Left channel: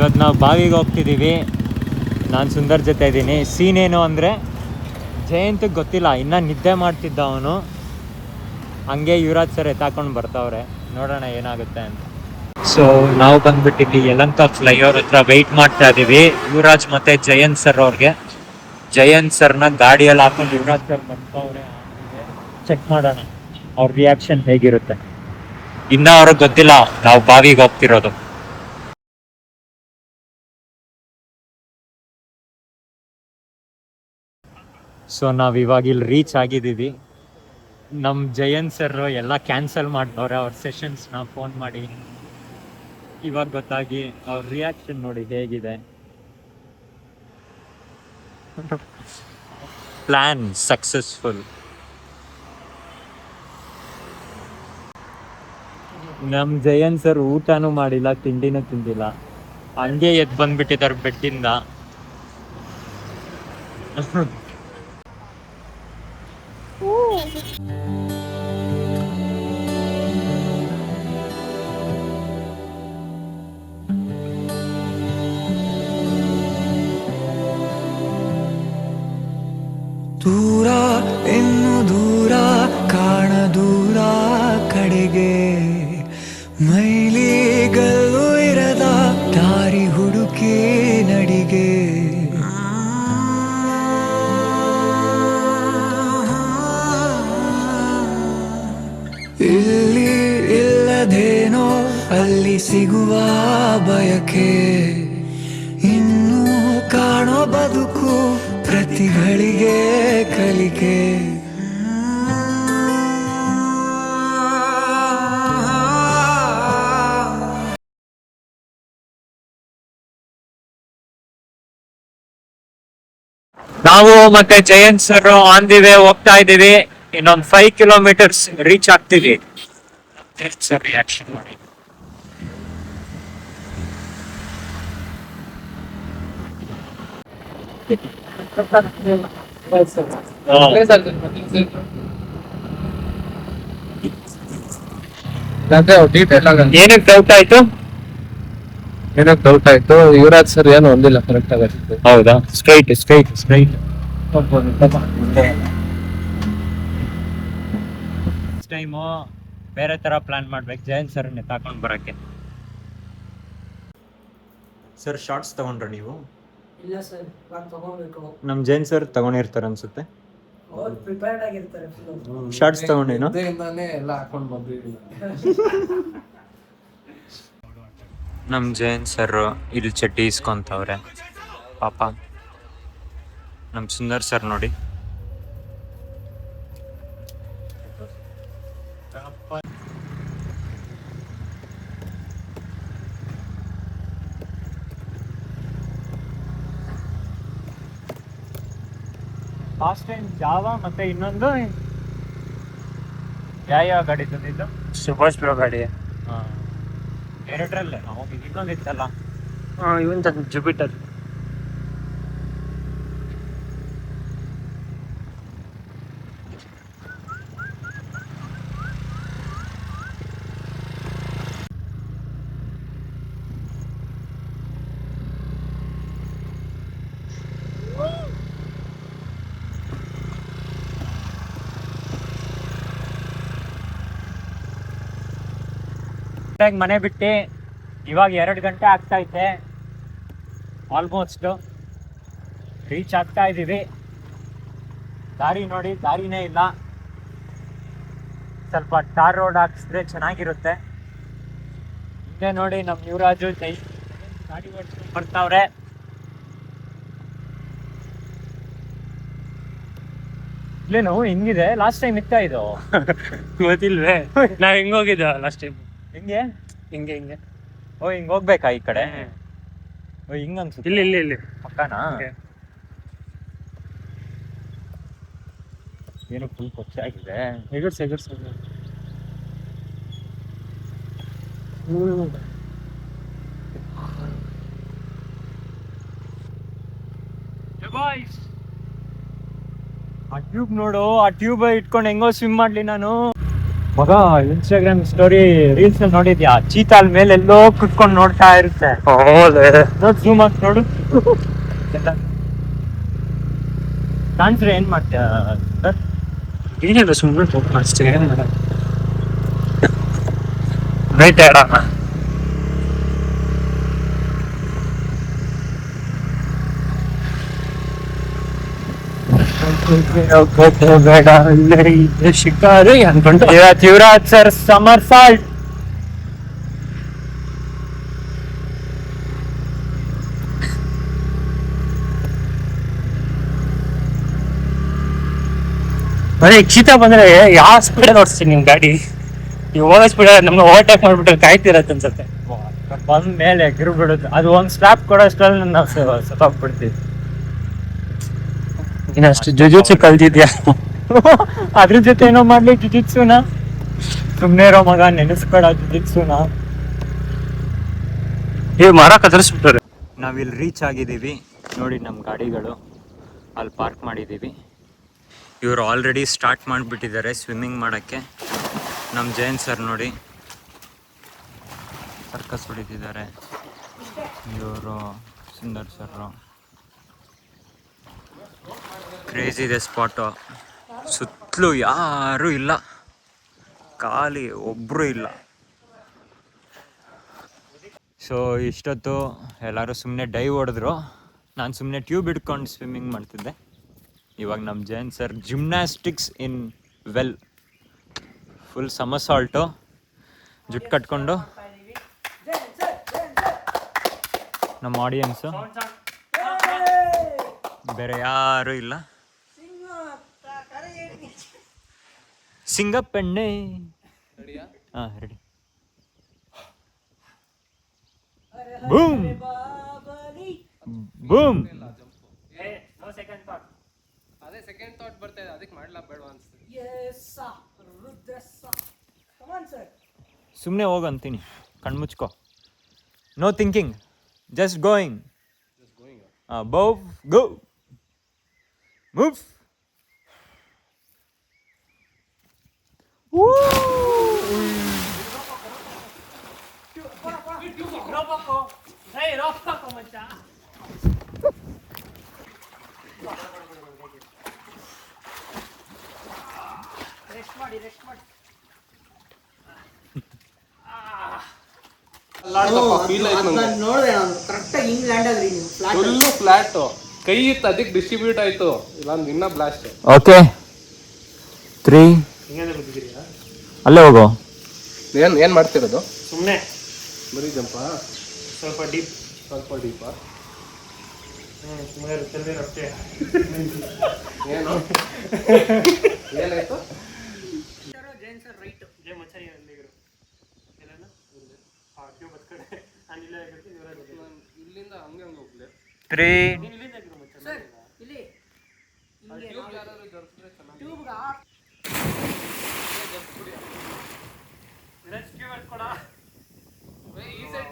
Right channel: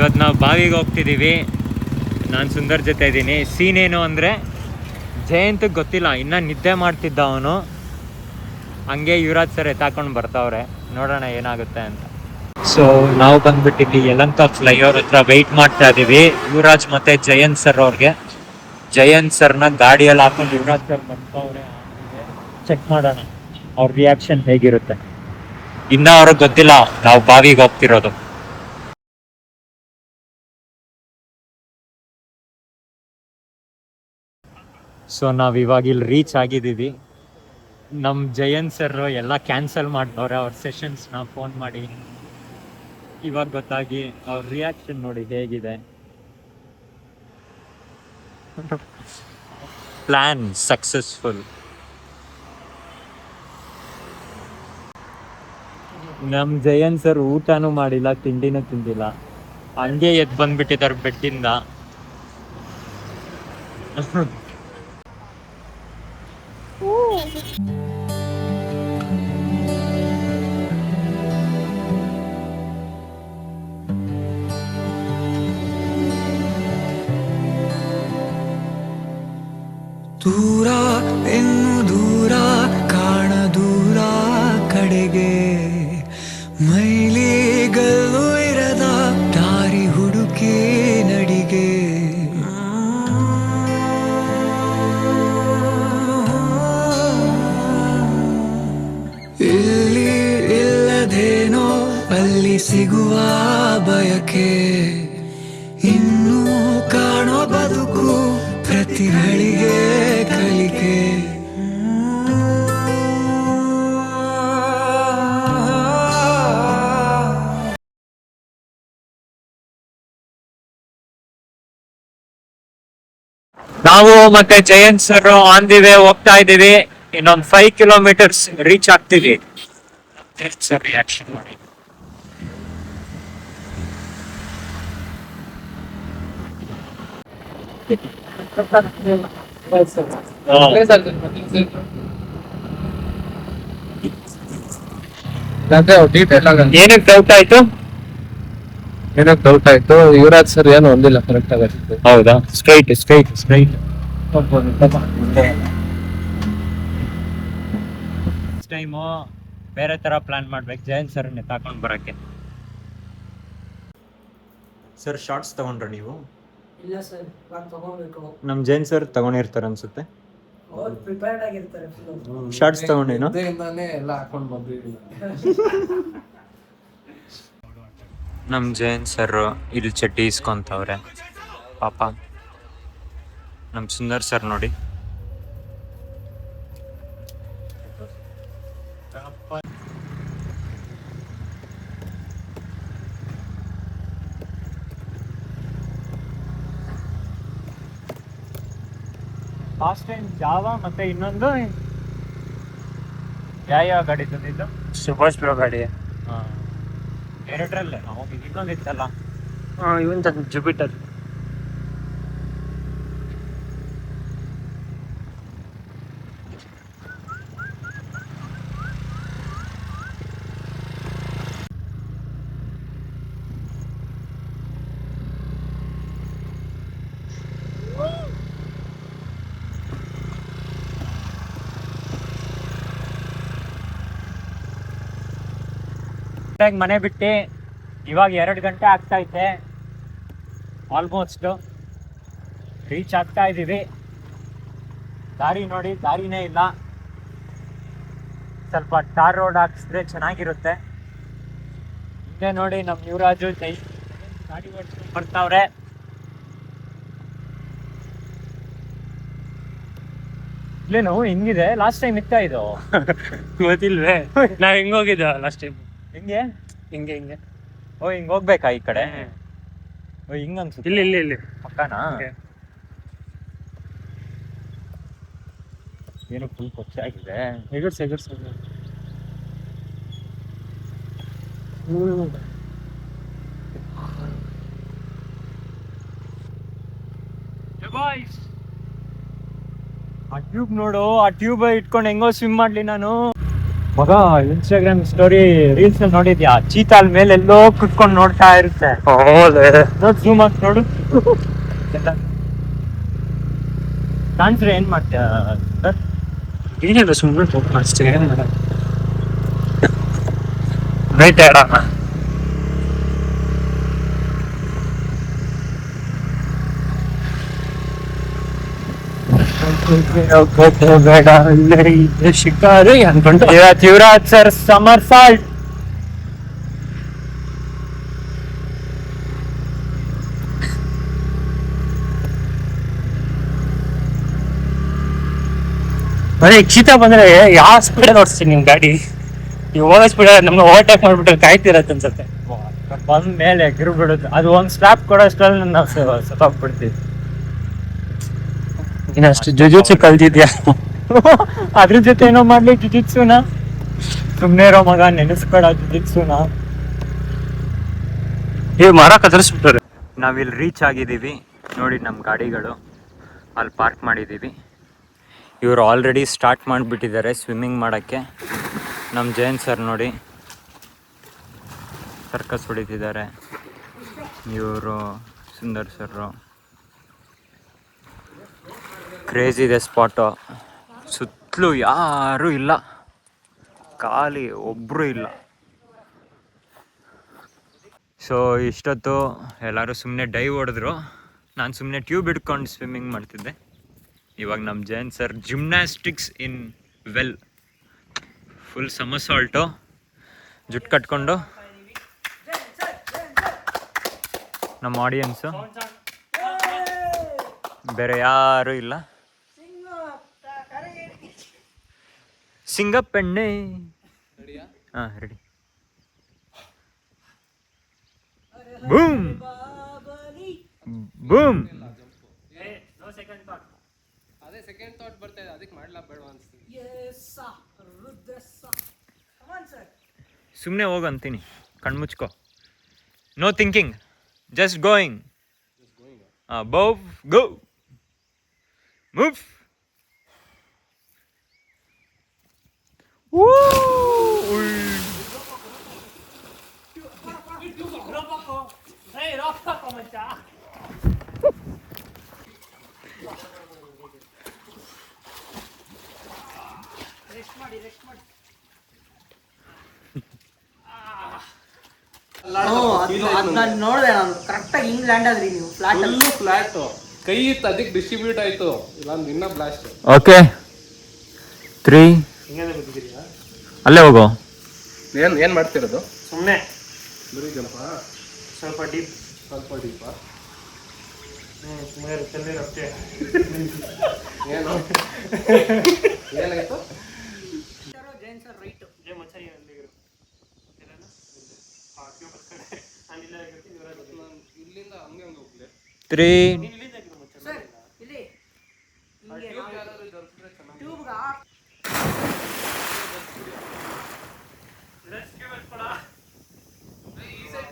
ಇವತ್ತು ನಾವು ಬಾವಿಗೆ ಹೋಗ್ತಿದ್ದೀವಿ. ನಾನು ಸುಂದರ್ ಜೊತೆ ಇದ್ದೀನಿ. ಸೀನ್ ಏನು ಅಂದರೆ, ಜಯಂತ್ ಗೊತ್ತಿಲ್ಲ, ಇನ್ನೂ ನಿದ್ದೆ ಮಾಡ್ತಿದ್ದ ಅವನು. ಹಂಗೆ ಯುವರಾಜ್ ಸರ್ ಎತ್ತಾಕೊಂಡು ಬರ್ತಾವ್ರೆ, ನೋಡೋಣ ಏನಾಗುತ್ತೆ ಅಂತ. ಸೊ ನಾವು ಬಂದ್ಬಿಟ್ಟಿಲ್ಲಿ ಯಲಹಂಕ ಫ್ಲೈಓವರ್ ಹತ್ರ ವೆಯ್ಟ್ ಮಾಡ್ತಾ ಇದ್ದೀವಿ ಯುವರಾಜ್ ಮತ್ತೆ ಜಯಂತ್ ಸರ್ ಅವ್ರಿಗೆ. ಜಯಂತ್ ಸರ್ನ ಗಾಡಿಯಲ್ಲಿ ಹಾಕೊಂಡು ಯುವರಾಜ್ ಸರ್ ಬರ್ತಾವ್ರೆ. ಚೆಕ್ ಮಾಡೋಣ ಅವ್ರ ರಿಯಾಕ್ಷನ್ ಹೇಗಿರುತ್ತೆ. ಇನ್ನ ಅವ್ರಿಗೆ ಗೊತ್ತಿಲ್ಲ ನಾವು ಬಾವಿಗೆ ಹೋಗ್ತಿರೋದು. ಸೊ ನಾವು ಇವಾಗ ಇಲ್ಲಿ ರೀಚ್ ಆಗಿದ್ದೀವಿ. ನಮ್ಮ ಜಯಂತ್ ಸರ್ ಎಲ್ಲ ಕ್ಯಾನ್ಸಲ್ ಮಾಡ್ತವ್ರೆ ಅವ್ರ ಸೆಷನ್ಸ್ನ ಫೋನ್ ಮಾಡಿ. ಇವಾಗ ಗೊತ್ತಾಗಿ ಅವ್ರ ರಿಯಾಕ್ಷನ್ ನೋಡಿ ಹೇಗಿದೆ. Plan successful. ನಮ್ಮ ಜಯಂತ್ ಸರ್ ಊಟನೂ ಮಾಡಿಲ್ಲ, ತಿಂಡಿನೂ ತಿಂದಿಲ್ಲ, ಹಂಗೆ ಎದ್ದು ಬಂದ್ಬಿಟ್ಟಿದ್ದಾರೆ ಬೆಡ್ಡಿಂದ. ದೂರ ಇನ್ನು ದೂರ ಕಾಣ ದೂರ ಕಡೆಗೆ, ಮೈಲಿಗಲ್ಲು ಇರದ ದಾರಿ ಹುಡುಕಿ ನಡಿಗೆ. ಇಲ್ಲಿ ಇಲ್ಲದೇನೋ ಅಲ್ಲಿ ಸಿಗುವ ಬಯಕೆ, ಇನ್ನೂ ಕಾಣೋ ಬದುಕು ಪ್ರತಿಗಳಿಗೆ ಕಲಿಕೆ. ನಾವು ಮತ್ತೆ Jayanth sir on the way ಹೋಗ್ತಾ ಇದ್ದೀವಿ. ಇನ್ನೊಂದು 5 ಕಿಲೋಮೀಟರ್ಸ್ ರೀಚ್ ಆಗ್ತೀವಿ. ಸರ್ ರಿಯಾಕ್ಷನ್ ಮಾಡಿ. ಏನಕ್ಕೆ ಡೌಟ್ ಆಯ್ತು? ಏನಕ್ಕೆ ಡೌಟ್ ಆಯ್ತು? ಯುವರಾಜ್ ಸರ್ ಏನು ಒಂದಿಲ್ಲ ಕರೆಕ್ಟ್ ಆಗುತ್ತೆ. ಹೌದಾ? ಸ್ಟ್ರೈಟ್ ಟೈಮು ಬೇರೆ ತರ ಪ್ಲಾನ್ ಮಾಡ್ಬೇಕು ಜಯಂತ್ ಸರ್ ತಗೊಂಡ್ ಬರಕ್ಕೆ. ಸರ್ ಶಾರ್ಟ್ಸ್ ತಗೊಂಡ್ರ ನೀವು? ಇಲ್ಲ ಸರ್, ನಾನು ತಗೋಬೇಕು. ನಮ್ ಜೈನ್ ಸರ್ ತಗೊಂಡಿರ್ತಾರೆ ಅನ್ಸುತ್ತೆ. ಅವ್ರು ಪ್ರಿಪೇರ್ಡ್ ಆಗಿರ್ತಾರೆ. ಶಾರ್ಟ್ಸ್ ತಗೊಂಡೇನು? ಎಲ್ಲ ಹಾಕೊಂಡು ಬಂದಿಲ್ಲ. ನಮ್ ಜೈನ್ ಸರ್ ಇಲ್ಲಿ ಚಡ್ಡಿ ಇಸ್ಕೊಂತವ್ರೆ ಪಾಪ. ನಮ್ ಸುಂದರ್ ಸರ್ ನೋಡಿ. ಲಾಸ್ಟ್ ಟೈಮ್ ಜಾವಾ ಮತ್ತೆ ಇನ್ನೊಂದು ಯಾವ ಗಾಡಿ ತಂದಿದ್ದು? ಸುಭಾಷ್ ಬ್ರೋ ಗಾಡಿ. ಎರಡರಲ್ಲೇ ಇನ್ನೊಂದು ಇತ್ತಲ್ಲ, ಇವನ್ ಜುಪಿಟರ್. ಮನೆ ಬಿಟ್ಟು ಇವಾಗ 2 ಗಂಟೆ ಆಗ್ತಾ ಐತೆ. ಆಲ್ಮೋಸ್ಟ್ ರೀಚ್ ಆಗ್ತಾ ಇದ್ದೀವಿ. ದಾರಿ ನೋಡಿ, ದಾರಿನೇ ಇಲ್ಲ. ಸ್ವಲ್ಪ ಟಾರ್ ರೋಡ್ ಹಾಕಿಸಿದ್ರೆ ಚೆನ್ನಾಗಿರುತ್ತೆ. ಹಿಂದೆ ನೋಡಿ ನಮ್ಮ ಯುವರಾಜು ಗಾಡಿ ಓಡಿಸ್ಕೊಂಡು ಬರ್ತಾವ್ರೆ. ಇಲ್ಲೇನು ಹಿಂಗಿದೆ? ಲಾಸ್ಟ್ ಟೈಮ್ ಇತ್ತ ಇದು? ಗೊತ್ತಿಲ್ವೇ? ನಾವ್ ಹಿಂಗ್ ಹೋಗಿದ್ದ ಲಾಸ್ಟ್ ಟೈಮ್. ಹಿಂಗೆ ಹಿಂಗೆ ಓ ಹಿಂಗ್ ಹೋಗ್ಬೇಕಾ ಈ ಕಡೆ? ಓ ಹಿಂಗ ಅನ್ಸುತ್ತೆ. ಇಲ್ಲಿ ಪಕ್ಕನಾ? ಏನು ಫುಲ್ ಕೊಚ್ಚ ಆಗಿದೆ. ಎಗರ್ಸ್ ಆ ಟ್ಯೂಬ್ ನೋಡು, ಆ ಟ್ಯೂಬ್ ಇಟ್ಕೊಂಡು ಹೆಂಗೋ ಸ್ವಿಮ್ ಮಾಡ್ಲಿ ನಾನು. ಮಗ ಇನ್ಸ್ಟಾಗ್ರಾಮ್ ಸ್ಟೋರಿ ರೀಲ್ಸ್ ನೋಡಿದ್ಯಾ, ಚೀತಾಲ್ ಮೇಲೆ ಎಲ್ಲೋ ಕುತ್ಕೊಂಡು ನೋಡ್ತಾ ಇರುತ್ತೆ. ನೋಡ್ ಜೂಮ್ ಹಾಕಿ ನೋಡು. ಕಾಣ್ಸ್ರೆ ಏನ್ ಮಾಡ್ತೀಯ ಸರ್? ಏನಿಲ್ಲ ಸುಮ್ಮನೆ ಅಷ್ಟೇ. ರೈಟ್ ಹೇಳೋಣ. ಬೇಡ ಇಲ್ಲೇ ಶಿಕಾರಿ ಅನ್ಕೊಂಡು ಯುವರಾಜ್ ಸರ್ ಸಮರ್ ಸಾಲ್ಟ್. ಬರೀ ಚೀತಾ ಬಂದ್ರೆ ಯಾವ ಸ್ಪೀಡ್ ಓಡಿಸ್ತೀನಿ ನಿಮ್ ಗಾಡಿ? ನೀವು ಹೋಗೋ ಸ್ಪೀಡ್ ನಮ್ಗೆ ಓವರ್ಟೇಕ್ ಮಾಡ್ಬಿಟ್ರೆ ಕಾಯ್ತಿರತ್ತೆ ಅನ್ಸುತ್ತೆ. ಬಂದ ಮೇಲೆ ಎಗರು ಬಿಡುತ್ತೆ. ಅದು ಒಂದ್ ಸ್ಟಾಪ್ ಕೊಡೋಷ್ಟ್ರಲ್ಲಿ ನಾವು ಸತ್ತೋಗ್ಬಿಡ್ತೀವಿ. ನೀನಷ್ಟು ಜುಜುತ್ಸು ಕಲ್ತಿದ್ಯಾ? ಅದ್ರ ಜೊತೆ ಏನೋ ಮಾಡ್ಲಿ ಜುಜಿತ್ಸುನ. ಸುಮ್ನೆ ಇರೋ ಮಗ, ನೆನೆಸ್ಕೊಡ ಜುಜಿತ್ಸುನ. ಮರ ಕತ್ತರಿಸ್ಬಿಟ್ರೆ. ನಾವಿಲ್ಲಿ ರೀಚ್ ಆಗಿದ್ದೀವಿ ನೋಡಿ. ನಮ್ಮ ಗಾಡಿಗಳು ಅಲ್ಲಿ ಪಾರ್ಕ್ ಮಾಡಿದ್ದೀವಿ. ಇವರು ಆಲ್ರೆಡಿ ಸ್ಟಾರ್ಟ್ ಮಾಡಿಬಿಟ್ಟಿದ್ದಾರೆ ಸ್ವಿಮ್ಮಿಂಗ್ ಮಾಡೋಕ್ಕೆ. ನಮ್ಮ ಜೈನ್ ಸರ್ ನೋಡಿ ಸರ್ಕಸ್ ಹೊಡಿತಿದ್ದಾರೆ. ಇವರು ಸುಂದರ್ ಸರ್. ಕ್ರೇಜಿ ಇದೆ ಸ್ಪಾಟು. ಸುತ್ತಲೂ ಯಾರೂ ಇಲ್ಲ, ಖಾಲಿ ಒಬ್ಬರು ಇಲ್ಲ. ಸೊ ಇಷ್ಟೊತ್ತು ಎಲ್ಲರೂ ಸುಮ್ಮನೆ ಡೈವ್ ಹೊಡೆದ್ರು. ನಾನು ಸುಮ್ಮನೆ ಟ್ಯೂಬ್ ಹಿಡ್ಕೊಂಡು ಸ್ವಿಮ್ಮಿಂಗ್ ಮಾಡ್ತಿದ್ದೆ. ಇವಾಗ ನಮ್ಮ Jain sir gymnastics in well, full somersault, ಜುಟ್ಟು ಕಟ್ಕೊಂಡು. ನಮ್ಮ ಆಡಿಯನ್ಸು ಬೇರೆ ಯಾರೂ ಇಲ್ಲ. ಸಿಂಗಪ್ಪೆಣ್ಣೆ. ಹಾಂ ರೆಡಿ. Boom boom. ಅದೇ ಸೆಕೆಂಡ್ ಥಾಟ್ ಬರ್ತಾ ಇದೆ, ಅದಕ್ಕೆ ಮಾಡ್ಲಾ ಬೇಡ ಅನ್ಸುತ್ತೆ. ಸುಮ್ಮನೆ ಹೋಗಂತೀನಿ, ಕಣ್ಮುಚ್ಕೋ. No thinking, just going. Bow go move. ನೋಡಿದೆ ನಾನು ಕರೆಕ್ಟಾಗಿ ಹಿಂಗ್ ಲ್ಯಾಂಡ್ ಆದ್ರಿ ನೀವು ಫ್ಲಾಟ್. ಫ್ಲಾಟ್ ಕೈ ಇತ್ತು, ಅದಕ್ಕೆ ಡಿಸ್ಟ್ರಿಬ್ಯೂಟ್ ಆಯ್ತು. ಇಲ್ಲ ಇನ್ನ ಬ್ಲಾಸ್ಟ್. ಓಕೆ 3 ಅಲ್ಲೇ ಹೋಗೋ. ಏನ್ ಮಾಡ್ತಿರೋದು? ಸುಮ್ಮನೆ ಬರೀ ಜಂಪ ಸ್ವಲ್ಪ ಡೀಪ್. ಸ್ವಲ್ಪ ಡೀಪಾ? ಸುಮ್ಮನೆ ಅಷ್ಟೇ. ಏನು ಏನಾಯ್ತು? ಜೈನ್ ಸರ್ ರೈಟ್, ಜೈ ಮಚಾರಿ ಅಲ್ಲಿಗಿರು ಎಲ್ಲನ ಟ್ಯೂಬ್ ಹತ್ ಕಡೆ ನಾನು ಇಲ್ಲೇ ಆಗಿರ್ತೀನಿ. ನಾನು ಇಲ್ಲಿಂದ ಹಂಗೆ ಹೋಗ್ಲಿ. 3 ನೀನು ಇಲ್ಲಿಂದ ಆಗಿರು ಮಚಾರಿ. ಇಲ್ಲಿ ಟ್ಯೂಬ್ ಯಾರಾದ್ರೂ ದೊರಕಿದ್ರೆ ಚೆನ್ನಾಗಿ. ಟ್ಯೂಬ್ಗ ನೆಕ್ಸ್ಟ್ ಟ್ಯೂಬ್ ಹತ್ಕೊಡ. ಈ ಸೈಡ್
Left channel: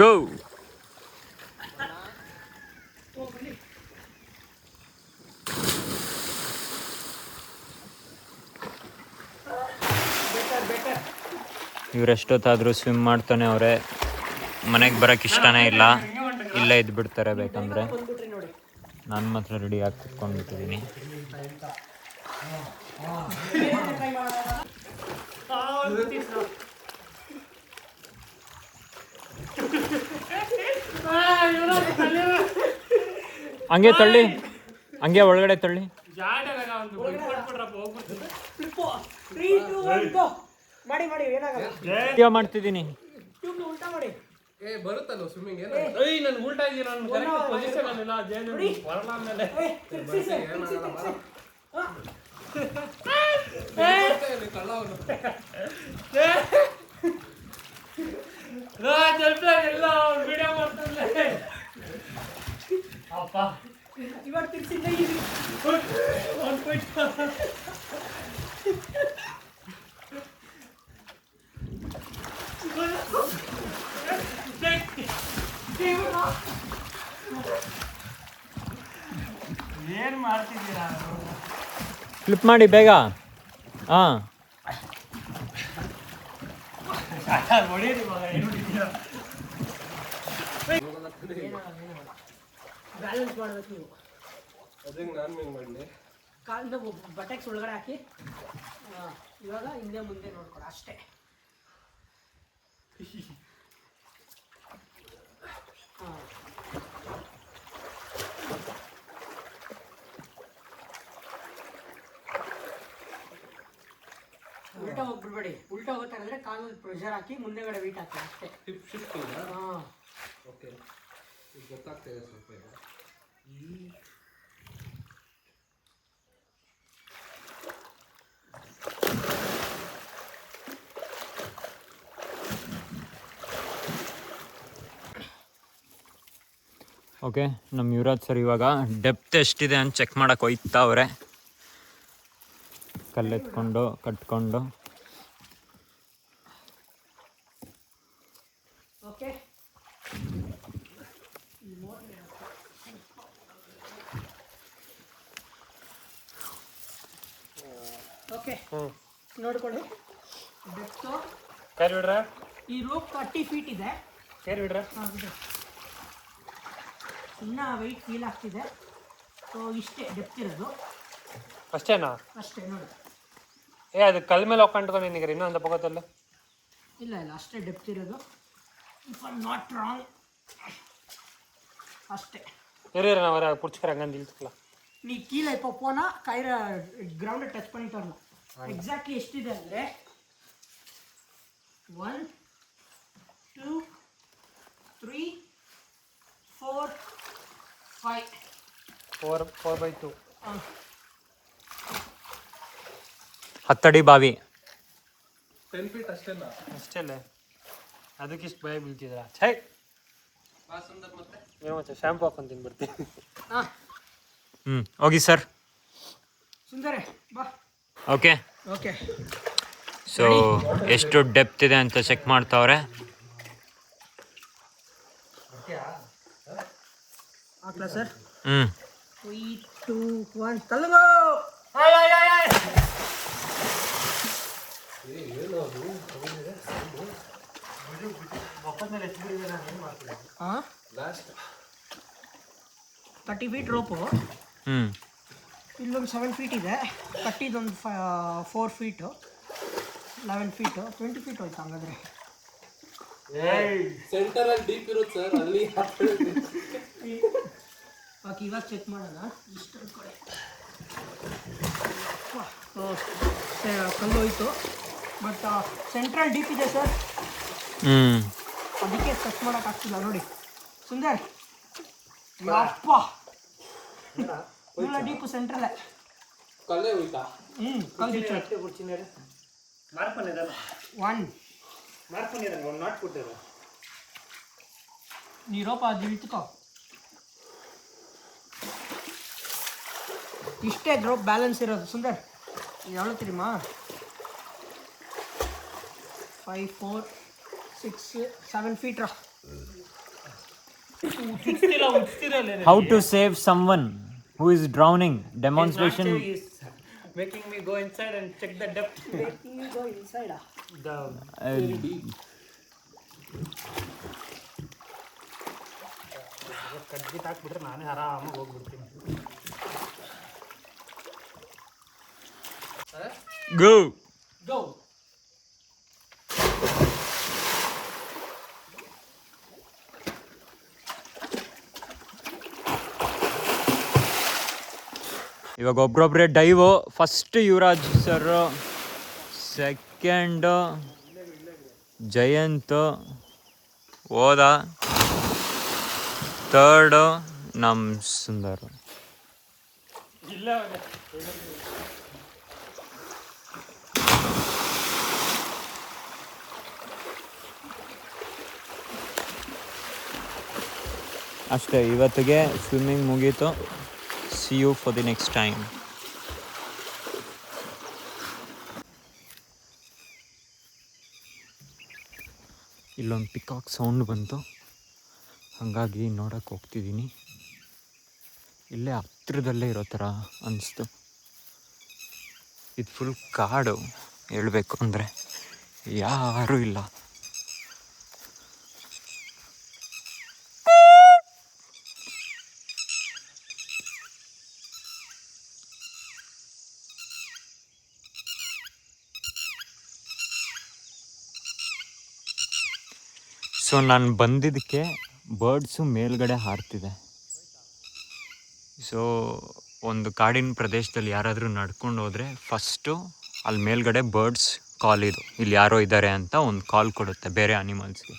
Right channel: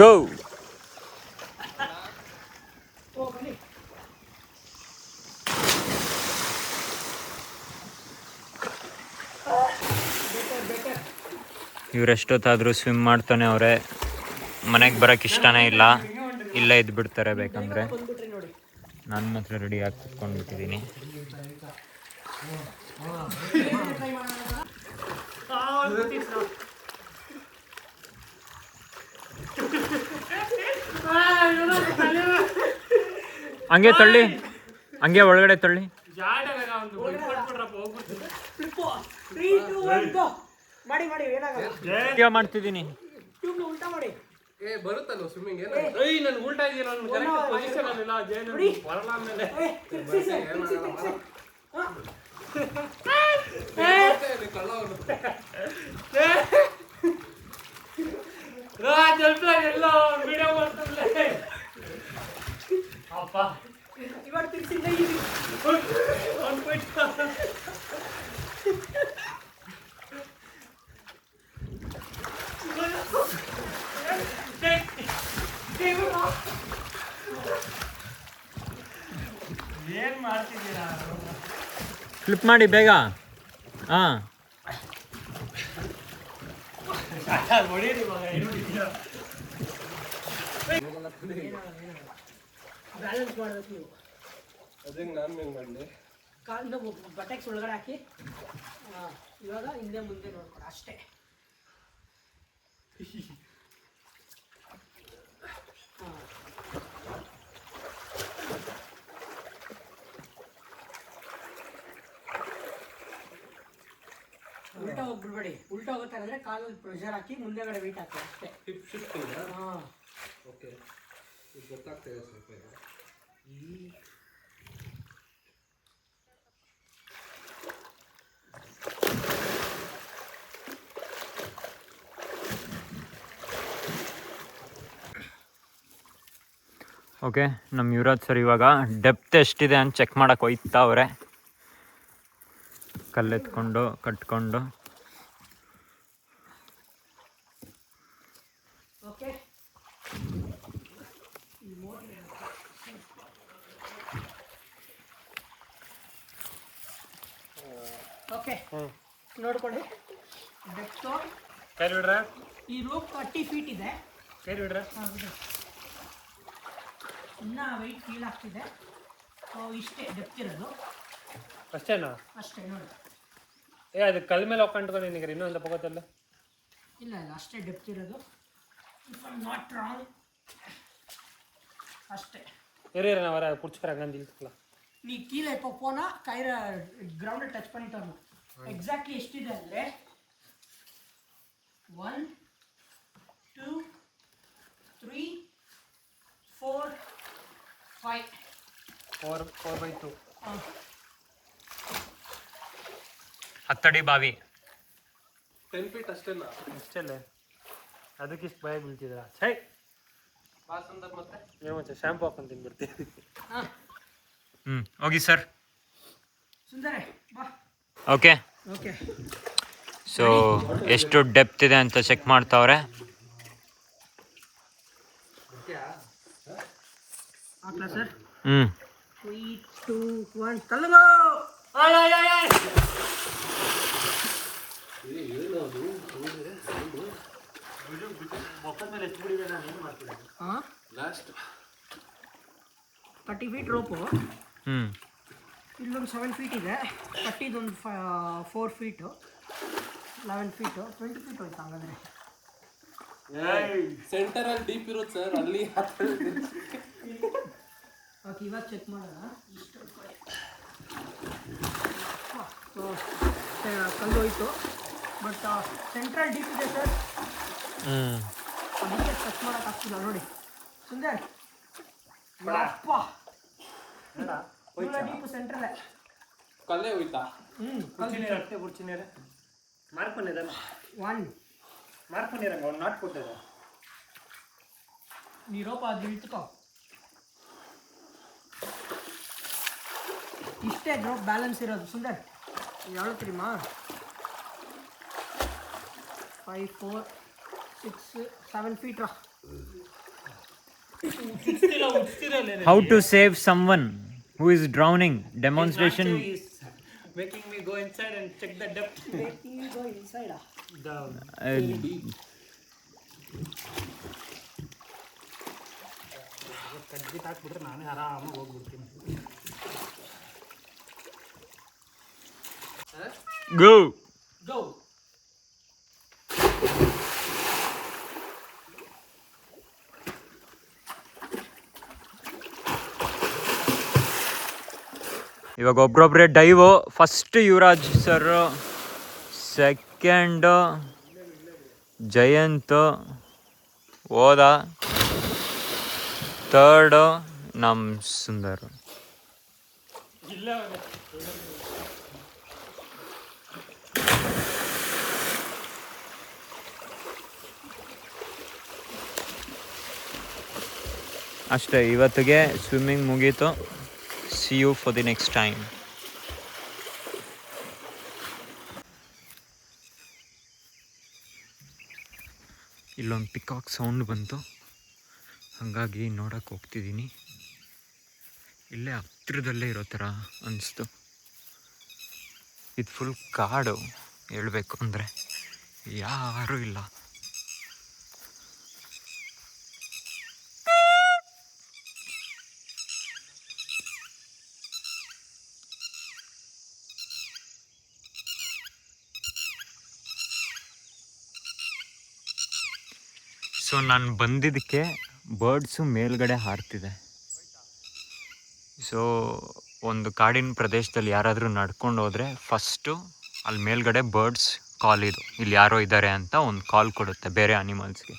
ಗೋ. ಇವರೆಷ್ಟೊತ್ತಾದರೂ ಸ್ವಿಮ್ ಮಾಡ್ತಾನೆ ಅವರೇ. ಮನೆಗೆ ಬರೋಕ್ಕೆ ಇಷ್ಟನೇ ಇಲ್ಲ, ಇಲ್ಲೇ ಇದ್ದು ಬಿಡ್ತಾರೆ ಬೇಕಂದರೆ. ನಾನು ಮಾತ್ರ ರೆಡಿ ಆಗಿ ಕುತ್ಕೊಂಡ್ಬಿಟ್ಟಿದ್ದೀನಿ. ಹಂಗೆ ತಳ್ಳಿ, ಹಂಗೆ ಒಳಗಡೆ ತಳ್ಳಿ. ಮಾಡಿ ಮಾಡಿ ಏನಾಗಲ್ಲ. ಮಾಡ್ತಿದ್ದೀನಿ. ಟ್ಯೂಬ್ನ ಉಲ್ಟಾ ಮಾಡಿ. ಬರುತ್ತಲ್ಲ ಸ್ವಿಮ್ಮಿಂಗ್. ನನ್ ಉಲ್ಟಾ ಇದೆಯಾ? ನಾನು ಕರೆಕ್ಟ್ ಪೊಸಿಷನ್ ಅಲ್ಲಿಲ್ಲ. ಜೈನ್ ಬರಲ್ಲ ಆಮೇಲೆ. ಎಲ್ಲ ವಿಡಿಯೋ ಮಾಡ್ತಾನೆ ಅಪ್ಪ. ಇವಾಗ ತಿರ್ಸಿದ್ದ ಇಲ್ಲಿ 1.5 ಏನ್ ಮಾಡ್ತಿದ್ದೀರಾ ಫ್ಲಿಪ್ ಮಾಡಿ ಬೇಗ. ಹಾಂ ಹೊಡೀರಿ ಇವಾಗ ಏನು ಹೊಡಿತೀರಾ ಬ್ಯಾಲೆನ್ಸ್ ಮಾಡ್ಬೇಕು ನೀವು. ಅದಂಗೆ ನಾನು ಹೆಂಗೆ ಮಾಡಲಿ ಕಾಲನ್ನ ಬಟೆಕ್ಸ್ ಒಳಗಡೆ ಹಾಕಿ ಇವಾಗ ಹಿಂದೆ ಮುಂದೆ ನೋಡ್ಕೊಡ ಅಷ್ಟೇ. ಉಲ್ಟಾ ಹೋಗ್ಬಿಡ್ಬೇಡಿ. ಉಲ್ಟಾ ಹೋಗ್ತಾ ಇದ್ರೆ ಕಾಲಲ್ಲಿ ಪ್ರೆಷರ್ ಹಾಕಿ ಮುಂದೆಗಡೆ ವೆಯ್ಟ್ ಹಾಕಿ ಅಷ್ಟೇ. ಹಿಪ್ ಶಿಫ್ಟಿಂಗ್ ಹಾಂ ಓಕೆ ಈಗ ಗೊತ್ತಾಗ್ತಿದೆ ಸ್ವಲ್ಪ ಇದು ಓಕೆ. ನಮ್ಮ ಯುವರಾಜ್ ಸರ್ ಇವಾಗ ಡೆಪ್ತ್ ಎಷ್ಟಿದೆ ಅಂತ ಚೆಕ್ ಮಾಡಕ್ಕೆ ಹೋಯ್ತಾವ್ರೆ. ಕಲ್ಲೆತ್ಕೊಂಡು ಕಟ್ಕೊಂಡು. ಓಕೆ ಓಕೆ ನೋಡ್ಕೊಳ್ಳಿ. ಡೆಪ್ತು ಕೈ ಬಿಡ್ರ ಈ ರೂಪ್ 30 ಫೀಟ್ ಇದೆ. ಕೈ ಬಿಡ್ರ ಇನ್ನೂ ವೆಯ್ಟ್ ಫೀಲ್ ಆಗ್ತಿದೆ. ಸೊ ಇಷ್ಟೇ ಡೆಪ್ತ್ ಇರೋದು. ಅಷ್ಟೇನಾ ಅಷ್ಟೇ ನೋಡಿ. ಅದು ಕಲ್ ಮೇಲೆ ಹೋಗ್ಕೊಂಡ್ಕೊಂಡು ನಿನಗೆ ಇನ್ನೂ ಅಂತ ಪಕ್ಕದಲ್ಲ ಇಲ್ಲ ಇಲ್ಲ ಅಷ್ಟೇ ಡೆಪ್ತ್ ಇರೋದು. ಇಫ್ ಐ ನಾಟ್ ರಾಂಗ್ ಅಷ್ಟೇ. இரு நான் வர புடிச்சுக்கறேன் அங்க நில்லுக்கலாம். நீ கீழே இப்போ போனா கயிறு கிரவுண்டை டச் பண்ணிட்டு வரணும். எக்ஸாக்ட்லி ಎಷ್ಟಿದೆ ಅಂದರೆ 1 2 3 4 5 4/2 10 ಅಡಿ ಬಾವಿ. 10 ಫೀಟ್ ಅಷ್ಟೇನಾ ಅಷ್ಟೇಲ್ಲ ಅದಕ್ಕೆ ಇಷ್ಟು ಭಯ ಬೀಳ್ತಿದ್ರ ಛೈ ಏನು ಮತ್ತೆ ಶಾಂಪು ಹಾಕೊಂಡು ತಿನ್ಬಿಡ್ತೀನಿ. ಹೋಗಿ ಸರ್. ಸುಂದರೇ ಬಾ. ಓಕೆ ಓಕೆ ಸೊ ಎಷ್ಟು ಡೆಪ್ತ್ ಇದೆ ಅಂತ ಚೆಕ್ ಮಾಡ್ತಾವ್ರೆ. ಹಾಕ್ಲಾ ಸರ್? 3 2 1 ತಲೆಗೋ. Last 30 feet rope. ಇಲ್ಲೊಂದು 7 ಫೀಟ್ ಇದೆ. ಕಟ್ಟಿದೊಂದು 4 ಫೀಟು 11 ಫೀಟು 20 ಫೀಟ್ ಹೋಯ್ತು ಹಂಗಾದ್ರೆ. ಸೆಂಟರಲ್ಲಿ ಡೀಪ್ ಇರೋದು ಸರ್ ಅಲ್ಲಿ. ಓಕೆ ಇವಾಗ ಚೆಕ್ ಮಾಡೋಣ. ಇಷ್ಟು ಕಡೆ ಕಲ್ಲು ಹೋಯ್ತು ಬಟ್ ಸೆಂಟ್ರಲ್ ಡೀಪ್ ಇದೆ ಸರ್. ಅದಕ್ಕೆ ಚೆಕ್ ಮಾಡೋಕ್ಕಾಗ್ತಿಲ್ಲ ನೋಡಿ. ಸುಂದರ್ ಯಪ್ಪ ಡೀಪು ಸೆಂಟ್ರಲ್ಲೇ ಕಲ್ಲೇ ಹೋಯ್ತಾ ಮಾರ್ಕ್ பண்ணிடுறேன். 1 ಮಾರ್ಕ್ பண்ணிடுறேன் ಒಂದು ನಾಟ್ ಕೊಟ್ಟಿದೆ ನೀ ರೋಪ ಅದು ಇಳ್ತುಕೋ. ಇಷ್ಟೇ ರೋಪ್ ಬ್ಯಾಲೆನ್ಸ್ ಇರೋದು ಸುಂದರ್. ಯಾವುದು ತಿಳಿಮಾ 5 4 6 7 ಫೀಟ್ ರಾ. How to save someone who is drowning demonstration. making me go inside and check the depth. Making me go inside. ಕಡ್ಡಿ ಹಾಕ್ಬಿಟ್ರೆ ನಾನೇ ಆರಾಮಾಗಿ ಹೋಗ್ಬಿಡ್ತೀನಿ. Go go. ಇವಾಗ ಒಬ್ರೊಬ್ರೆ dive. First Yuvraj sir, second Jayant ಹೋದ, ಥರ್ಡ್ ನಮ್ಮ ಸುಂದರ್. ಇಲ್ಲ ಅಷ್ಟೇ ಇವತ್ತಿಗೆ ಸ್ವಿಮ್ಮಿಂಗ್ ಮುಗೀತು. see you for the next time. ಇಲ್ಲೊಂದು ಪಿಕಾಕ್ ಸೌಂಡ್ ಬಂತು, ಹಾಗಾಗಿ ನೋಡಕ್ಕೆ ಹೋಗ್ತಿದ್ದೀನಿ. ಇಲ್ಲೇ ಹತ್ತಿರದಲ್ಲೇ ಇರೋ ಥರ ಅನಿಸ್ತು. ಇದು ಫುಲ್ ಕಾಡು, ಹೇಳಬೇಕು ಅಂದರೆ ಯಾರೂ ಇಲ್ಲ. ಸೊ ನಾನು ಬಂದಿದ್ದಕ್ಕೆ ಬರ್ಡ್ಸು ಮೇಲ್ಗಡೆ ಹಾರ್ತಿದೆ. ಸೊ ಒಂದು ಕಾಡಿನ ಪ್ರದೇಶದಲ್ಲಿ ಯಾರಾದರೂ ನಡ್ಕೊಂಡು ಹೋದರೆ ಫಸ್ಟು ಅಲ್ಲಿ ಮೇಲ್ಗಡೆ ಬರ್ಡ್ಸ್ ಕಾಲ್ ಇದು, ಇಲ್ಲಿ ಯಾರೋ ಇದ್ದಾರೆ ಅಂತ ಒಂದು ಕಾಲ್ ಕೊಡುತ್ತೆ ಬೇರೆ ಅನಿಮಲ್ಸ್ಗೆ.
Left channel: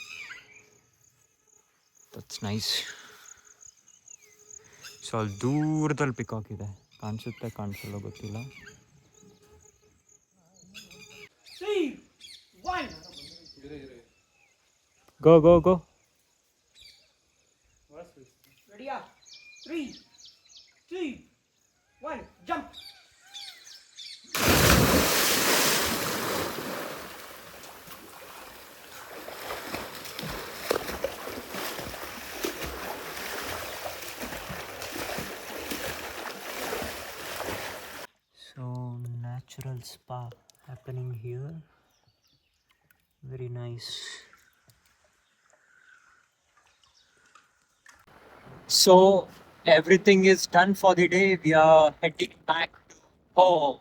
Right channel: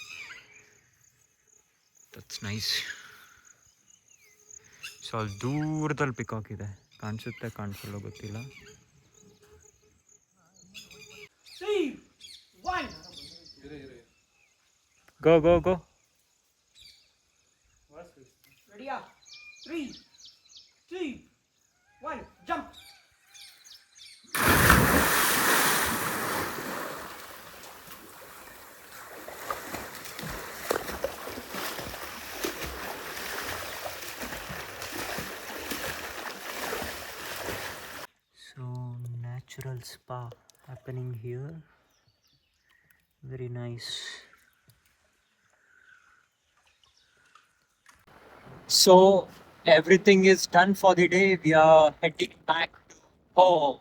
That's nice. ಸೊ ಅಲ್ಲಿ ದೂರದಲ್ಲಿ ಪಿಕಾಕ್ ಇದೆ, ಕಾಣಿಸುತ್ತೆ ಕಾಣಿಸಲ್ಲ ಗೊತ್ತಿಲ್ಲ. ಗೋ ಗೋ ಗೋ. ರೆಡಿಯಾ? 3, 2, 1, jump. So natural spa happening here. Very nice. So everything is done for the day. We are heading back home.